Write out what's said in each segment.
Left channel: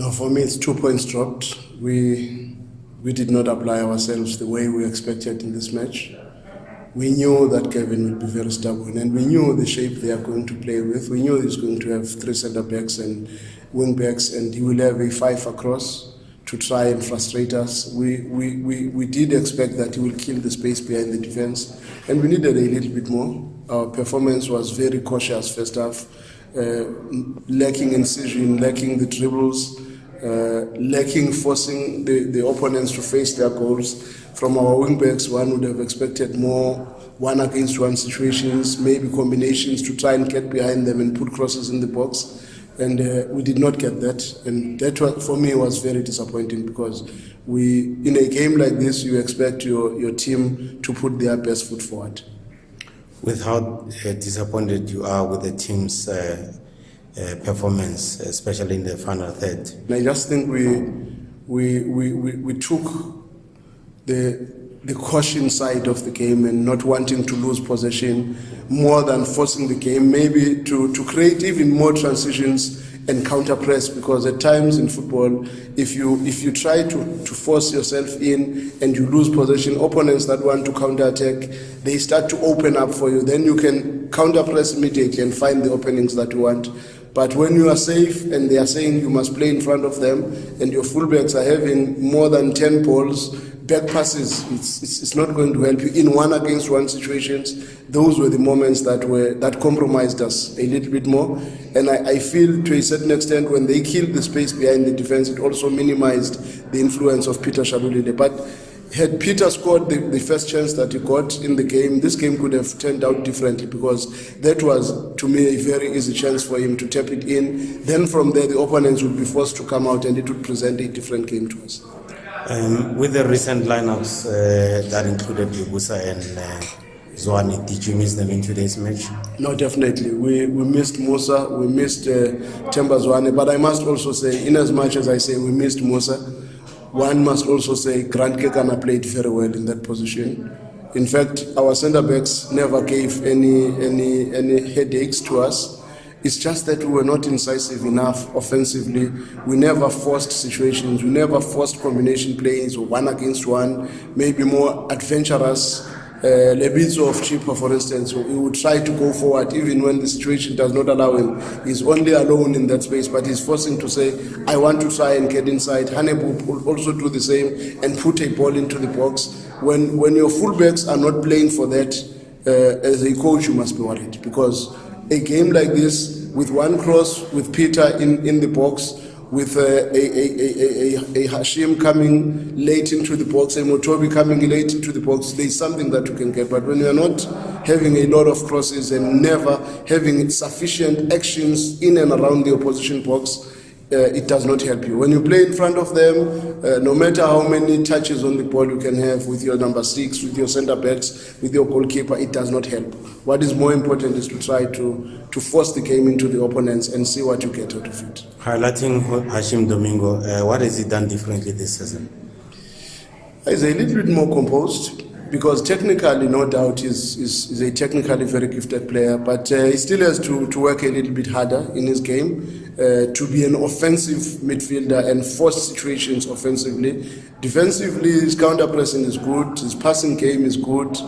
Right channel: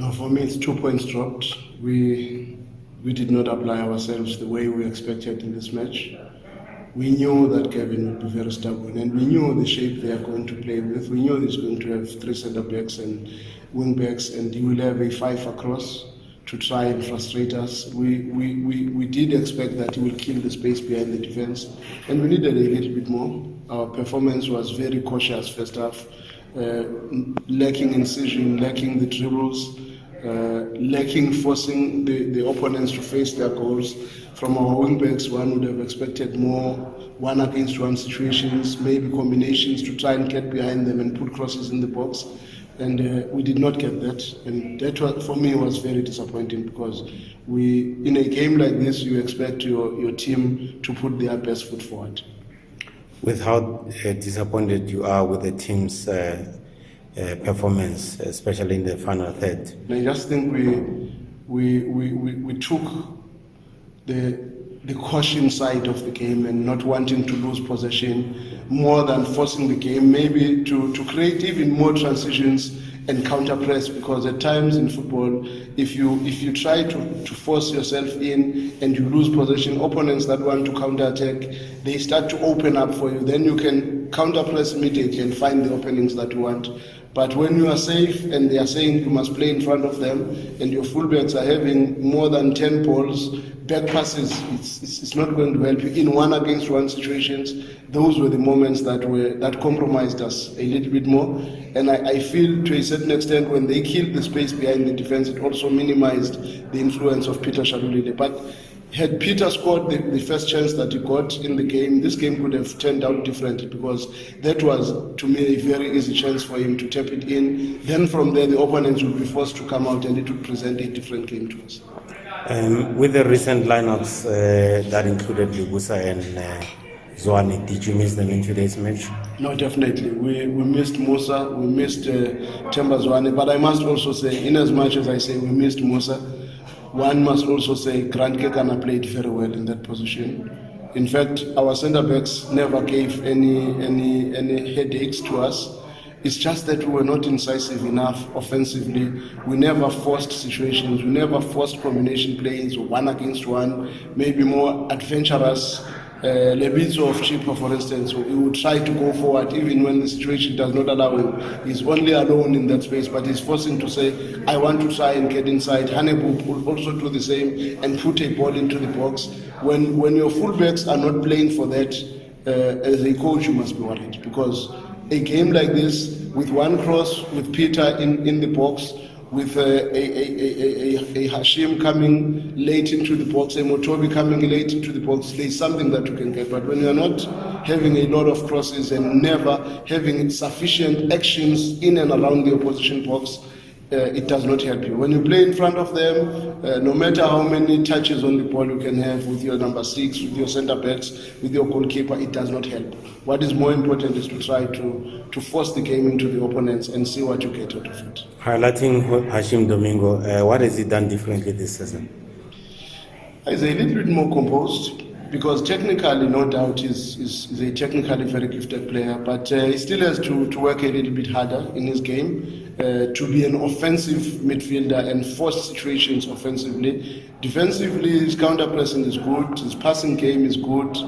No, for me it's 2 points dropped. We did not apply ourselves the way we expected in this match. We knew that Kevin would be very stubborn, and we knew the shape they are going to play with. We knew he's going to have 3 centre-backs and wing-backs, and he will have a 5 across to try and frustrate us. We did expect that he will kill the space behind the defence, and we needed a little bit more. Our performance was very cautious first half, lacking incision, lacking the dribbles, lacking forcing the opponents to face their goals. From our wing-backs, one would have expected more one-against-one situations, maybe combinations to try and get behind them and put crosses in the box. And we did not get that. And that, for me, was very disappointing, because in a game like this, you expect your team to put their best foot forward. With how disappointed you are with the team's performance, especially in the final third? I just think we took the caution side of the game and not wanting to lose possession more than forcing the game, maybe to create even more transitions and counter press, because at times in football, if you try to force yourself in and you lose possession, opponents that want to counter attack, they start to open up for you. Then you can counter press immediately and find the openings that you want. But when you are safe and they are saying you must play in front of them, and your fullbacks are having more than 10 balls, back passes, it's not going to help you in one-against-one situations. Those were the moments that compromised us a little bit more. And I feel to a certain extent, when they killed the space behind the defense, it also minimized the influence of Peter Shalulile. But had Peter scored the first chance that he got in the game, this game could have turned out differently, because that was, to me, a very easy chance for him to tap it in. Then from there, the opponents would be forced to come out, and it would present a different game to us. With the recent lineups that included Yubusa and Zwane, did you miss them in today's match? No, definitely. We missed Musa, we missed Themba Zwane, but I must also say, in as much as I say we missed Musa, one must also say Grant Kekana played very well in that position. In fact, our centre-backs never gave any headaches to us. It's just that we were not incisive enough offensively. We never forced situations. We never forced combination plays or one against one, maybe more adventurous. Lebitso of Chippa, for instance, he would try to go forward even when the situation does not allow him. He's only alone in that space, but he's forcing to say, I want to try and get inside. Hanebu will also do the same and put a ball into the box. When your fullbacks are not playing for that, as a coach, you must be worried, because a game like this, with one cross, with Peter in the box, with a Hashim coming late into the box, a Motobi coming late into the box, there's something that you can get. But when you're not having a lot of crosses and never having sufficient actions in and around the opposition box, it does not help you. When you play in front of them, no matter how many touches on the ball you can have with your number 6, with your centre-backs, with your goalkeeper, it does not help. What is more important is to try to force the game into the opponents and see what you get out of it. Highlighting Hashim Domingo, what has he done differently this season? He's a little bit more composed, because technically, no doubt, is a technically very gifted player, but he still has to work a little bit harder in his game to be an offensive midfielder and force situations offensively. Defensively, his counter-pressing is good, his passing game is good,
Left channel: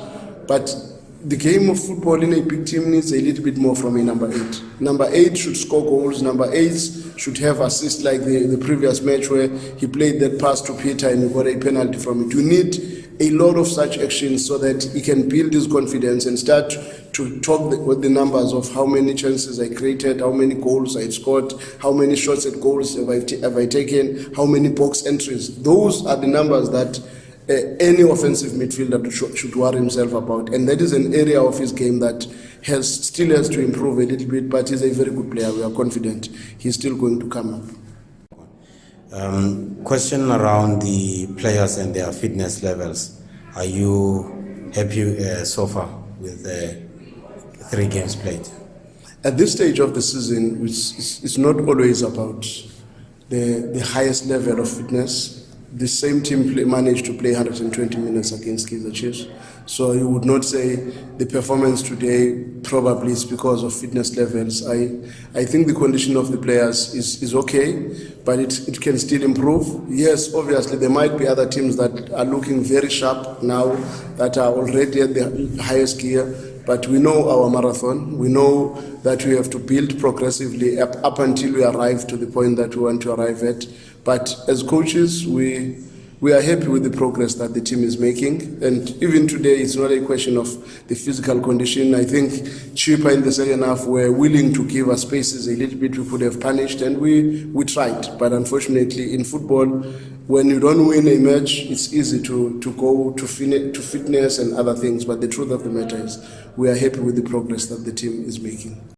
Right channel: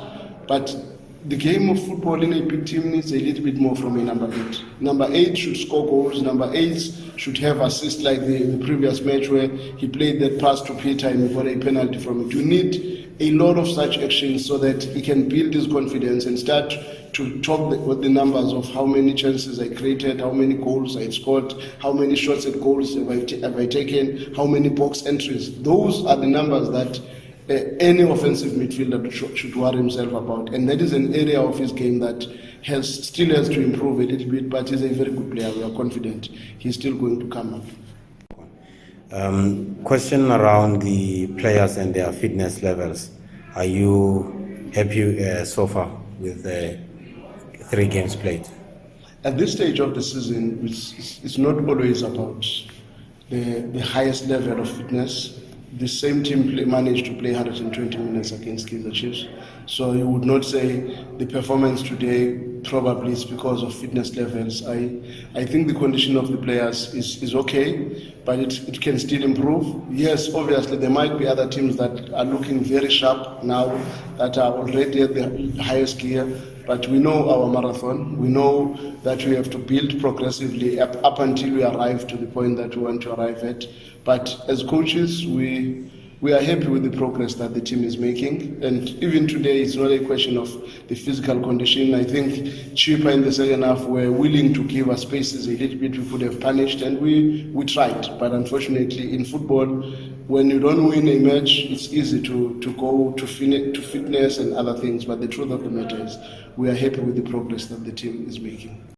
but the game of football in a big team needs a little bit more from a number 8. Number 8 should score goals. Number 8 should have assists, like the previous match where he played that pass to Peter and he got a penalty from it. You need a lot of such actions so that he can build his confidence and start to talk with the numbers of how many chances I created, how many goals I scored, how many shots at goals have I taken, how many box entries. Those are the numbers that any offensive midfielder should worry himself about, and that is an area of his game that still has to improve a little bit, but he's a very good player. We are confident he's still going to come up. Question around the players and their fitness levels. Are you happy so far with the 3 games played? At this stage of the season, it's not always about the highest level of fitness. the same team managed to play 120 minutes against Kaizer Chiefs. So you would not say the performance today probably is because of fitness levels. I think the condition of the players is okay, but it can still improve. Yes, obviously there might be other teams that are looking very sharp now, that are already at the highest gear. But we know our marathon. We know that we have to build progressively up until we arrive to the point that we want to arrive at. But as coaches, we are happy with the progress that the team is making. And even today, it's not a question of the physical condition. I think Chippa in the second half were willing to give us spaces a little bit we could have punished, and we tried. But unfortunately, in football, when you don't win a match, it's easy to go to fitness and other things. But the truth of the matter is, we are happy with the progress that the team is making.